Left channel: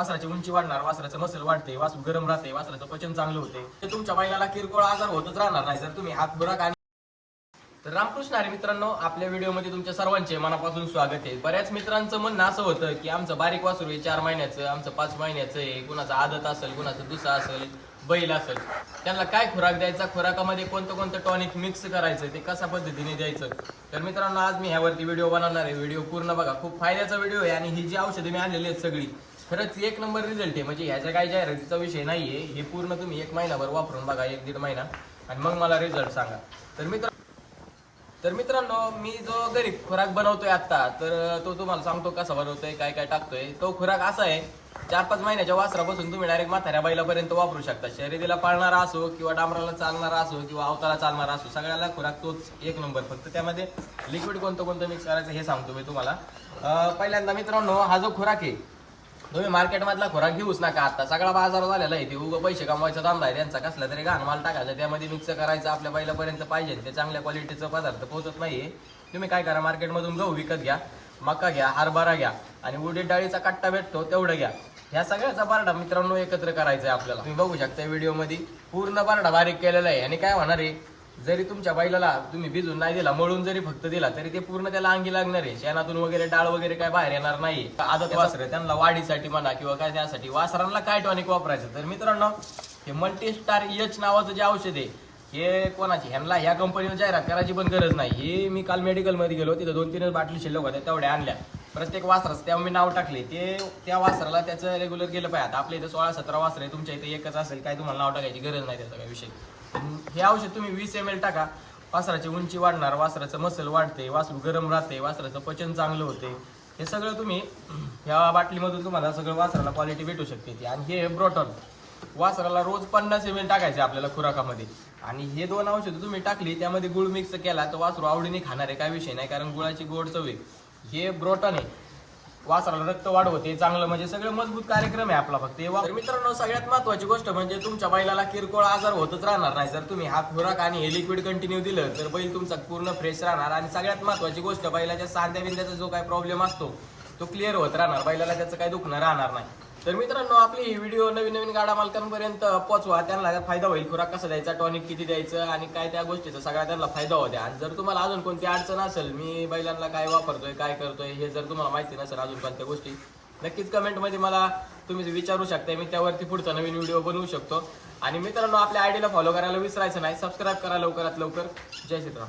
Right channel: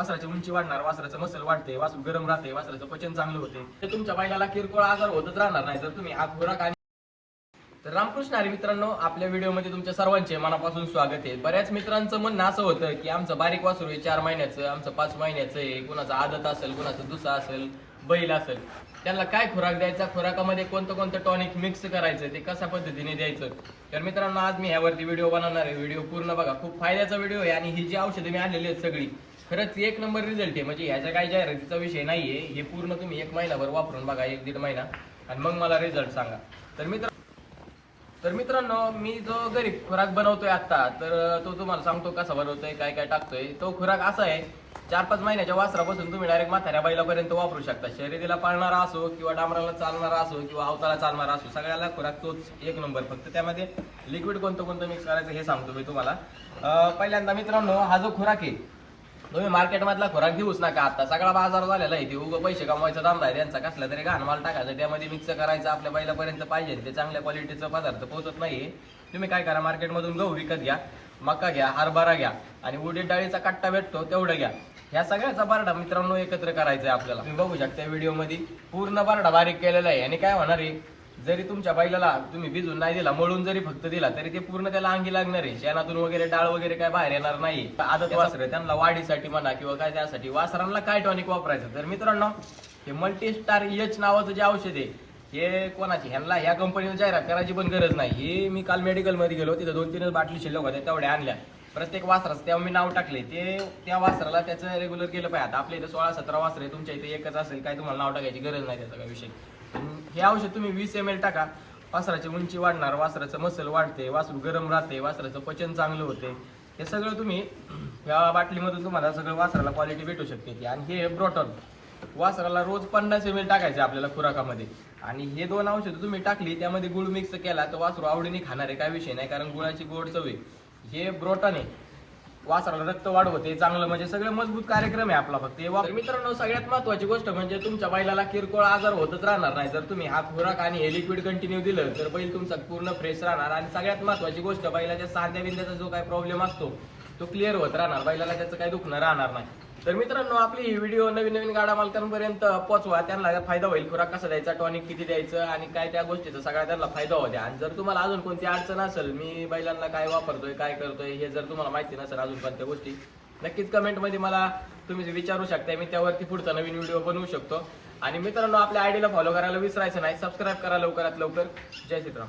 वासराची उंची वाढणार, वासराचं मसल वाढते, वासरू गरम राहते, वासराचं पचन चांगलं होते. ते तुमच्या बैलाला किरकोळ आजार होतच राहणार नाही जर तुम्ही हात खुराक आणि तर रामकृष्ण हरी मित्रांनो, आपल्या व्हिडिओमध्ये तुमच्या सर्वांचे मनापासून स्वागत आहे. बऱ्याच मित्रांचं म्हणणं असं होतं की आमचं बारीक वासरू आहे 4 महिन्याचं, आमचं 5 महिन्याचं आहे, कुणाचं आदत असेल, कुणाचं दुसरा असेल, बैल असेल, त्यांना काय खुराक द्यायचा, खुराकामध्ये कोणतं कोणतं टॉनिक मिक्स करायचं, ते कशा पद्धतीने द्यायचं. तर मित्रांनो, आज मी ह्यावरती व्हिडिओ बनवणार आहे. व्हिडिओ पूर्ण बघा, खूप फायद्याचा व्हिडिओ आहे. आणि ही जी औषधं मी आणलेली आहेत सगळी खरंच 1 नंबर रिझल्ट आहे. म्हणजे ह्याच्या काही जाहिरातीचा विषय नाहीये. हे पूर्ण तुम्ही 1 महिनाभर वापरून बघा, 1-1.5 महिना, आणि मग मला रिझल्ट सांगा. तर मित्रांनो, मी जो घरी खुराक बनवतोय आता, तर तो तुम्हाला सांगतो कसा बनवतोय, काय काय टाकतोय. तो खुराक असा आहे, 4-5 महिन्याच्या वासरापासून तुम्ही डायरेक्ट म्हाताऱ्या बैलापर्यंत वापरू शकता. शर्यतीला पाळणारा असो किंवा डांबराला चालणारा असो किंवा अवताला चालणारा असो, सगळ्याला खुराक तोच 1 नंबर. फक्त त्यामध्ये लिक्विड कोणतं कोणतं मिक्स करायचं हे सांगतो मी तुम्हाला. पहिल्यांदा मित्रांनो, हा जो खुराक आहे, तुम्ही मार्केटमधला खुराक घेऊच नका. आता सगळा बाजार झालेला आहे, ते उगं पैसे कमवायचा धंदा आहे त्यांचा. कसला तरी घाण माल टाकायचा, त्यामध्ये मिक्स करायचं, आपल्या बैलापर्यंत पाहिजे ते चांगल्या क्वालिटीचा पदार्थ पोहोचत नाहीये. तुम्ही काय करा, मार्केटमधून गहू विकत घ्या, मका घ्या, हरभरा घ्या, आणि उडीद डाळीचा कट्टा भेटतो तेवढं घ्या. ह्या सगळ्याचा बारडा मित्रांनो एकत्र करायचा आहे आपल्याला. तुम्ही बघू शकता व्हिडिओमध्ये पूर्ण बारडा बारीक केलेला आहे. आणि काय होणार आहे, जरी तुमच्या बैलाला तुम्ही भिजून नाही दिला, मळून जरी फक्त दिला, तरी ते पूर्ण त्याला अंगी लागणार आहे. शेणातून वगैरे डाळ वगैरे काय बाहेर येणार नाही. आदत वासर त्यांना वाढीसाठी म्हणा किंवा काय त्यासाठी वासरांना काय टॉनिक वापरायचं. तर मित्रांनो, हे मल्टीस्टार एच नावाचं जे औषध आहे, हे कोणाची, ह्यांना ह्या कंपनीला जाहिरात करायची पण गरज नाही. हे मी काल मेडिकलमध्ये गेलो, तिथे 2-3 बाटली शिल्लक होत्या, तेवढ्या आणल्या. प्रत्येक वासराचं तेव्हा मी नाव टाकले, ते त्या वासराला त्याचं रेग्युलर गेलं पाहिजे. आता आपल्या इथे 16-17 वासर आहे, तुमच्या इथे एकच असेल, काय तुम्हाला नाव टाकायची गरज नाही, त्याचा काय विषय. हे औषध तुम्ही 20 ml टाका, वासराची उंची वाढणार, वासराचं मसल वाढते, वासरू गरम राहते, वासराचं पचन चांगलं होते. हे सगळं तुम्ही ह्या बाटलीमधून तुम्हाला सगळं वासराला क्वालिटी भेटू शकते. आणि हे ब्रोटॉन वासराला रोज 50 ml टाकायचे आपल्याला खुराकामध्ये. आणि हे 2 औषधं तुम्ही टाकली, त्यामध्ये गुळ मिक्स केला, तर वासरू आवडीने खाणार आहे, काय विषय नाही, कारण गुळाची गोड चव आहे. हे ब्रोटॉन आहे, वासराला रक्त वाढवते चांगलं, म्हणजे सगळं मजबूत कार्यक्रम आहे आपला. फक्त तर मित्रांनो, सगळ्यात महत्वाची गोष्ट म्हणजे तुमच्या बैलाला किरकोळ आजार होतच राहणार नाही. जर तुम्ही हा खुराक आणि हे लिक्विड कंटिन्यू दिलं, तर बैल तुमचा पूर्ण फ्रेश राहणार. आणि सगळ्यात महत्वाची गोष्ट, बैलाच्या सांध्या बिंद्याचा जो काही प्रॉब्लेम असतो तो क्लिअर होत राहणार, बैलाला त्याचं काही दुखणं राहणार नाही. तर मित्रांनो, आपली ही व्हिडिओ नवीन गाडा मालकांपर्यंत पोहोचवा, त्यांना फायदा होईल. खुराक कसा द्यायचा, टॉनिक किती द्यायचं, आणि काय त्या गोष्टीचा सगळा त्यांना फायदा होऊ द्या. आणि जर तुम्हाला अजून कोणती अडचण असेल, मी बैलांना काय वापरतोय, काय करतोय, हे जर तुम्हाला माहिती नसेल अजून कोणत्या गोष्टी, नक्कीच कमेंटमध्ये मला तुम्ही विचारू शकता. मी त्यावरती पुढचा नवीन व्हिडिओ बनवू शकतो. आणि मित्रांनो, आपल्या आयडीला फॉलो करायला विसरायचं नाही, सबस्क्राईब करा लवकरात लवकर. जय श्रीराम.